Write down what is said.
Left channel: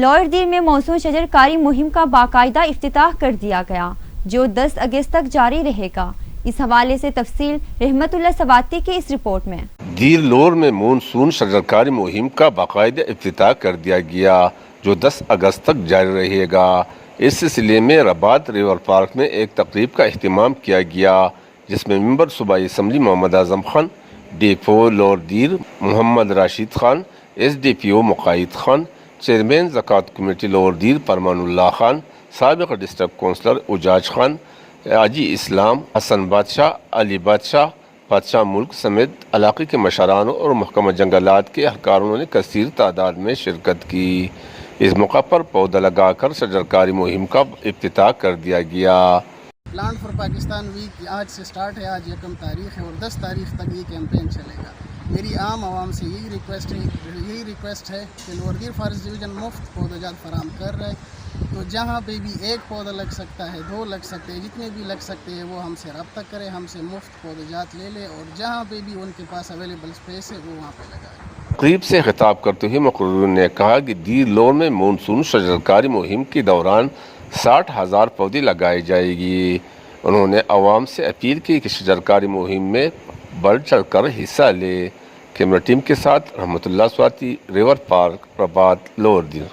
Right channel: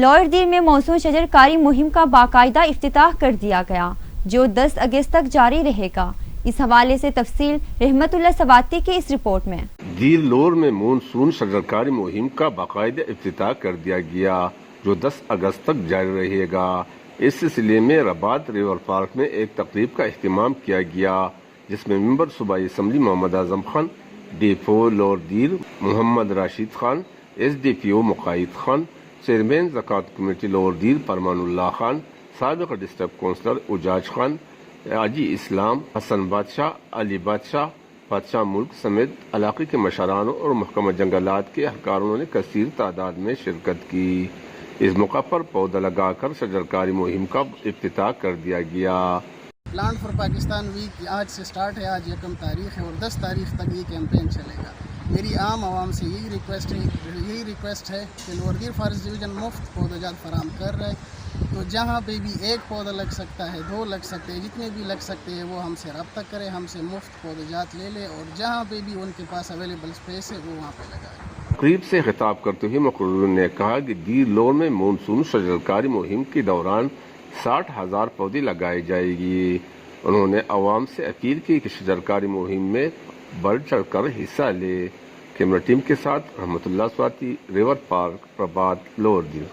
Lower دیر میں موسم شجرکاری مہم کا باقاعدہ افتتاح کر دیا گیا جو 10 اگست تک جاری رہے گا۔ اس حوالے سے تفصیل رحمت اللہ سواتی کی اس رپورٹ میں۔ دیر لور میں مونسون شجرکاری مہم کا باقاعدہ افتتاح کر دیا گیا جو 10 اگست تک جاری رہے گا۔ اس سلسلے میں رباط ریور پارک میں ایک تقریب کا اہتمام کیا گیا جس میں ممبر صوبائی assembly Muhammad Azam Khan, D F O Lower Dir Muhammad Rashid Khan, S D P O Muqaid Khan, chairman زکوٰۃ کمیٹی لور دیر فرمان اللہ خان، سابق ڈسٹرکٹ کونسلر اجاج خان، حاجی اسلام، حسن بادشاہ، علی بادشاہ ملک سمیت علاقے کے مشرانوں اور محکمہ جنگلات کے اہلکاروں نے کثیر تعداد میں شرکت کی۔ اس موقع پر پودا لگا کر شجرکاری مہم کا افتتاح کر دیا گیا۔ پلانٹ فار پاکستان ویک آج سے سٹارٹ ہے، آج 1 تاریخ ہے اور 10 تاریخ تک یہ کیمپین چلے گا۔ میری عام عوام سے یہی ریکویسٹ ہے کہ لور دیر فارسٹ ڈویژن مفت پودا جات فراہم کر رہے، تو جہاں پہ بھی ایک پودا لگ سکتا ہے، 2 لگ سکتے ہیں، جتنے بھی لگ سکتے ہیں وہ ہم سے رابطہ کریں، ہم سے مفت پودا جات لے لیں اور جہاں پہ بھی ان کے پاس اویلیبل اسپیس ہے وہ وہاں پہ لگائیں۔ تقریب سے خطاب کرتے ہوئے مقررین نے کہا کہ دیر لور میں مونسون شجرکاری مہم کے دوران 60,000 پودے لگائے جائے گی۔ انہوں نے عوام سے اپیل کی کہ شجرکاری مہم میں بڑھ چڑھ کر حصہ لے۔ کیمرہ ٹیم کے ساتھ رحمت اللہ سواتی، ریور پارک، رباط، لور دیر۔